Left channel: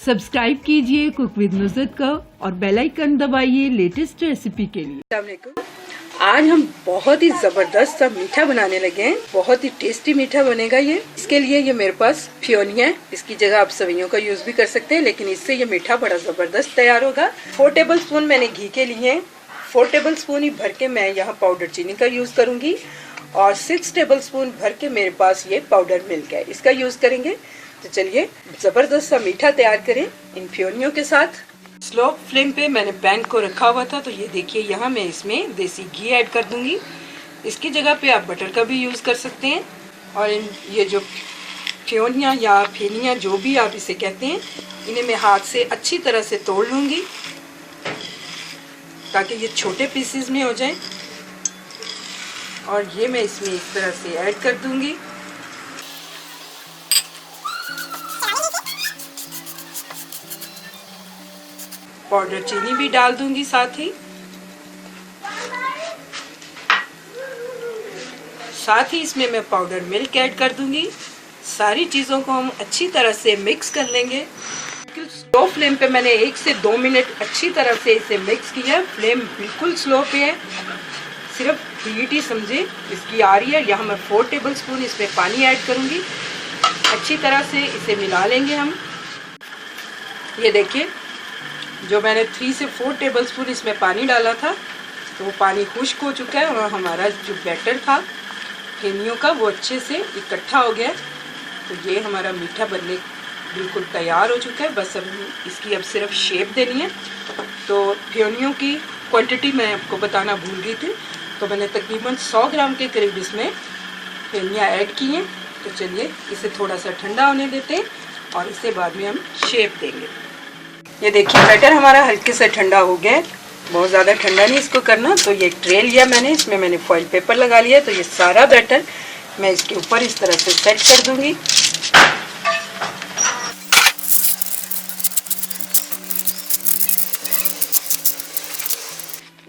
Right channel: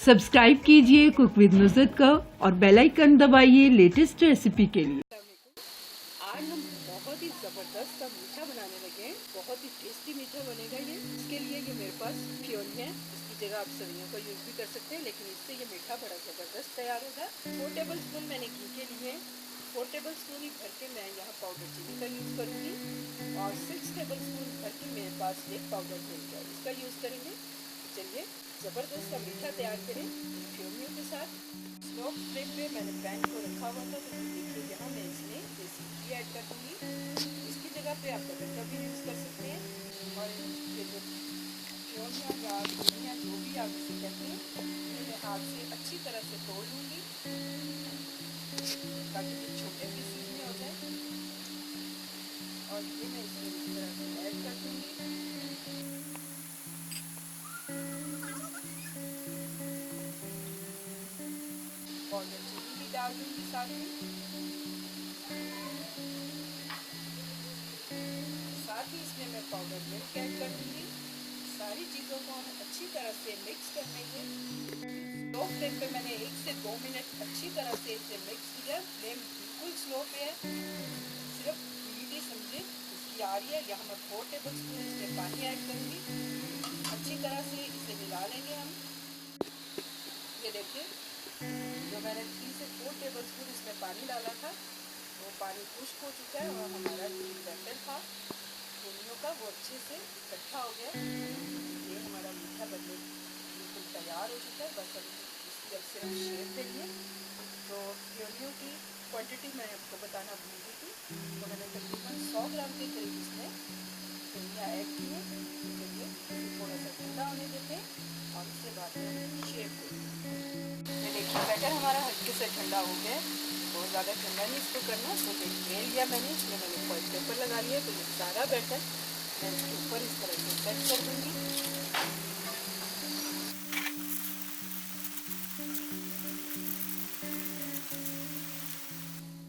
Subscribe कीजिए cook with Nusrat को और बेल आइकन दबाइए लेटेस्ट रेसिपी के लिए। अस्सलाम वालेकुम। आज हम बहुत ही ज़बरदस्त सा मीठा बनाने लगे हैं। बहुत ही टेस्टी मीठा बनेगा ये। इसके लिए ये मेरे पास फियोनी है, इसकी जगह आप सवैयों का यूज़ भी कर सकते हैं, लेकिन इससे ये मीठा बड़ा ज़बरदस्त तैयार होगा। 4 टेबल स्पून मैंने घी के लिए हैं। 4 टेबल स्पून ही भर के मैं यहाँ पाउडर चीनी का यूज़ करूँगी और 6 टेबल स्पून भर के मेरे पास ये पाउडर मिल्क है, इसका यूज़ करेंगे। तो चलिए ज़बरदस्त सा मीठा तैयार करें इन फियोनियों के साथ। स्लो फ्लेम पे मैंने पैन को रखा हुआ था, तो ये देखिए यहाँ मैं इसमें देसी घी ऐड कर दूंगी। इसकी जगह पे आप बटर का भी यूज़ कर सकते हैं। और ये जो फियोनियाँ या फेनियाँ जो भी आप इसे कहते हैं, इन्हें मैं हाथ से अच्छी तरह से तोड़ लूँगी ताकि ये छोटे पीसेस में हो जाए। और ये मैं इसमें इस तरह से ऐड कर दूँगी। पाउडर चीनी भी डाल दूंगी साथ ही इसमें मैं पाउडर मिल्क ऐड कर दूंगी। सारी चीज़ों को हम अच्छी तरह से मिक्स कर लेंगे। स्लो फ्लेम पे मैंने 1 से 2 मिनट अच्छी तरह से इसे मिक्स किया। फ्लेम बिल्कुल स्लो पे है, सिर्फ हीट ही समझे इसकी आ रही है। यहाँ मैं 4 टेबल स्पून इसमें पानी ऐड करूँगी। अच्छी तरह से इसे मिला लेंगे हम। ये देखिए जो मैंने 3 से 4 टेबल स्पून इसमें पानी डाला था, तो वो पानी खुश्क हो चुका है और हमारा जो बैटर था फेनियों का वो अच्छे से इकट्ठा हो गया। तो ये हमारा मीठा बनने बिल्कुल तैयार हो चुका है। बस अब इसकी अब सिर्फ शेप देनी है। तो फेनियों की क्वांटिटी मैं आपको बताना भूल गई थी, तो मैंने तकरीबन 100 ग्राम के करीब इसमें फेनियाँ ऐड की हैं। तो चलिए इसे थोड़ा सा ठंडा होने देते हैं और इसे बाद में हम शेप देंगे। ये देखिए बैटर हमारा हल्के से ठंडा हो गया है, बहुत ज़्यादा ठंडा नहीं इसको करना। तो ये एक ट्रे लिया मैंने, इसमें मैंने फॉइल पेपर लगा लिया। तो ये सारा बैटर मैं इसके ऊपर इस तरह से सेट कर दूंगी।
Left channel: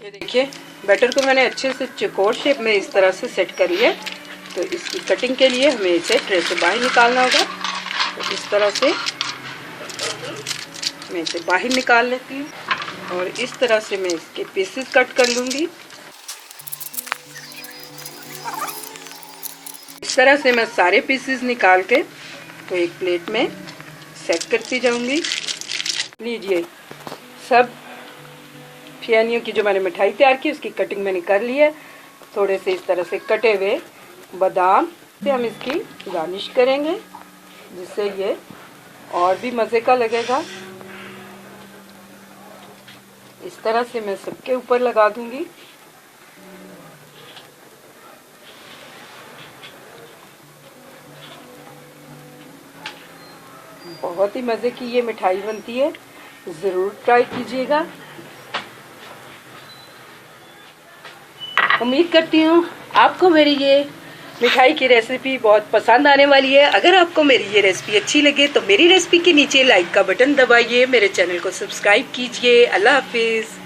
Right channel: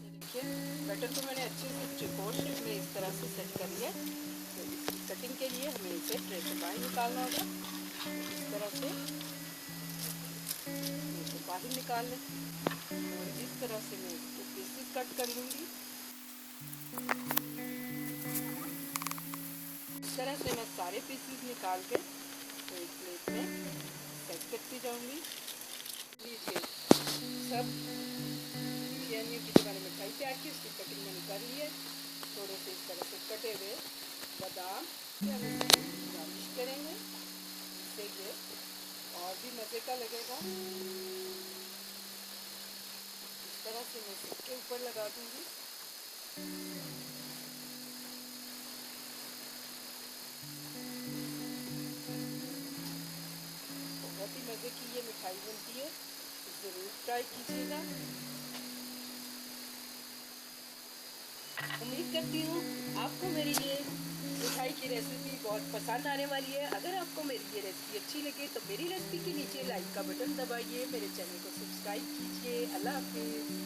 ये देखिए बैटर को मैंने अच्छे से चौकोर शेप में इस तरह से सेट कर लिया। तो इसकी कटिंग के लिए हमें इसे ट्रे से बाहर निकालना होगा। तो इस तरह से मैं इसे बाहर निकाल लेती हूँ और इस तरह से मैं इसके पीसेस कट कर लूँगी। इस तरह से मैं सारे पीसेस निकाल के तो एक प्लेट में सेट करती जाऊँगी। लीजिए सब फियोनियों की जो मैंने मिठाई तैयार की उसकी कटिंग मैंने कर ली है। थोड़े से इस तरह से कटे हुए बादाम से हम इसकी गार्निश करेंगे, जिससे ये और भी मज़े का लगेगा। इस तरह से मैं सबके ऊपर लगा दूंगी। बहुत ही मज़े की ये मिठाई बनती है, ज़रूर ट्राई कीजिएगा। उम्मीद करती हूँ आपको मेरी ये मिठाई की रेसिपी बहुत पसंद आने वाली है। अगर आपको मेरी ये रेसिपी अच्छी लगे तो मेरी रेसिपी के नीचे लाइक का बटन दबाइए, मेरे चैनल को सब्सक्राइब कीजिए। अल्लाह हाफिज़।